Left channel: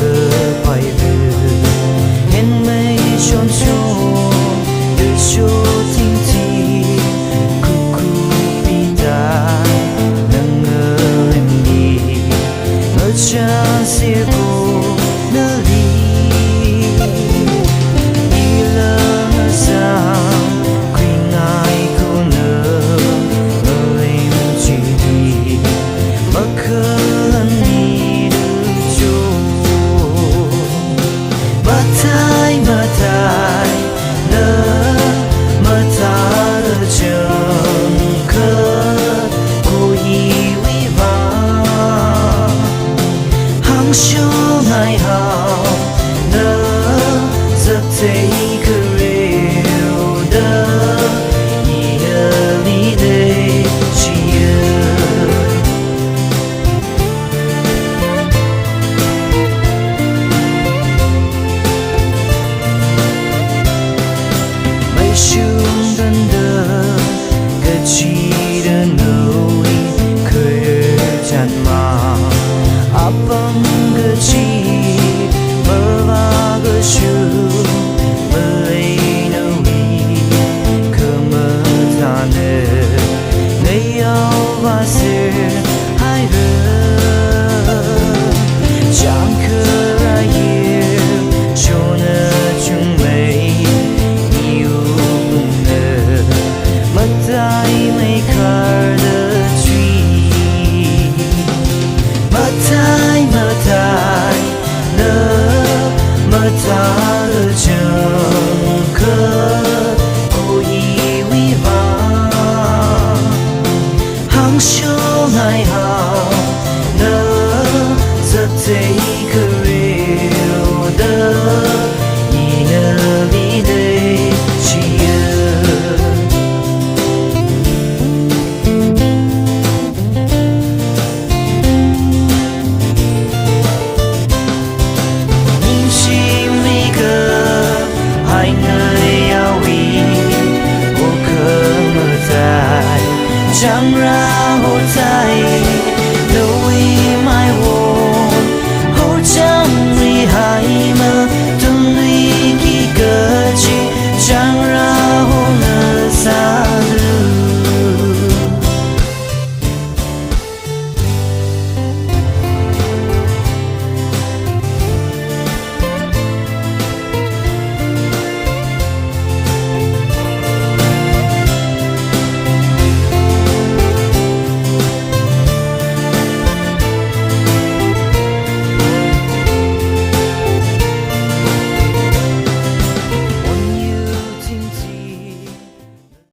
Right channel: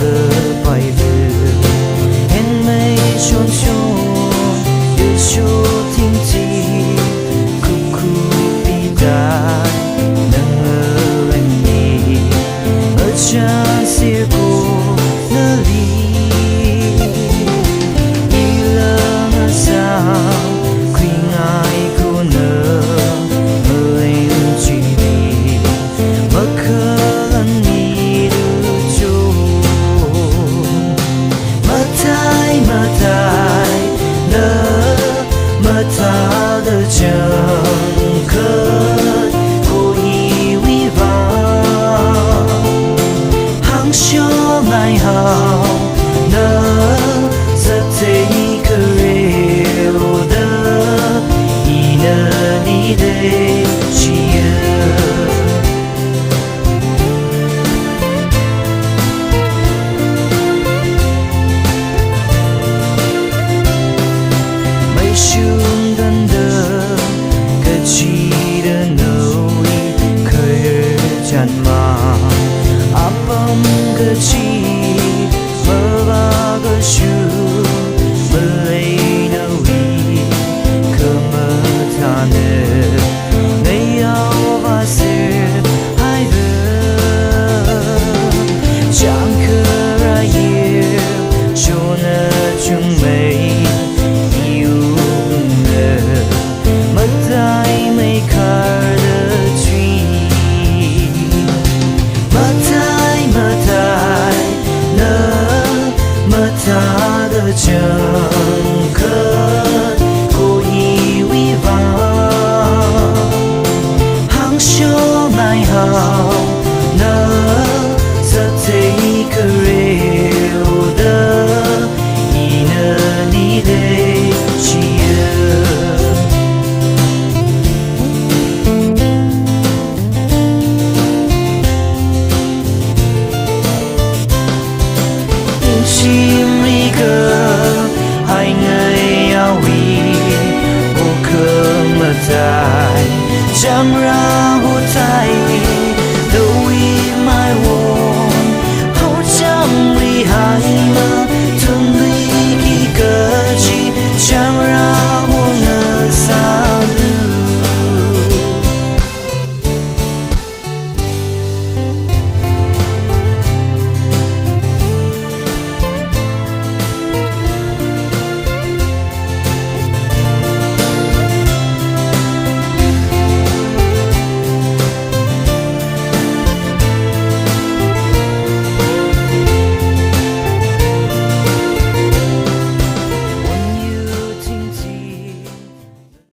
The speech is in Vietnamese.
gơ bài vư hẹn mây tròn tròn đời số thinh thi cu cu bi tai nâng ngơ em nhì ngơ cha xia cô nơ ly y lơ ngơ sao quy ngài cô nơ ngơ em chỉ đi mơ khơ lần mi đưa chỗ mơ thai nơ mơ tha đơ chẳng khớt cô y vi vang hàng số ngày hào nơ giấc thấy cơ rêu đơ y nơ đi đây chỉ mây sương đơn đơ cái chi đơn nỗi khơi chăn mà áp âm cái chi mơ ba cái sương mơ lấy nỗi cơ mơ tha nè ngày áo và sơ hai vợ chẳng cơ ra yêu cho nơ chung mây yêu nơ mất tay mấy khar đơ truy mất tay nơ mất ta đơ chẳng khớt cô y vi vang hàng số ngày hào nơ giấc thấy cơ rêu đơ y nơ ly đây chỉ chim mi cơ hai ngày áo vi ô cơ mơ dài chẳng ra hồ tay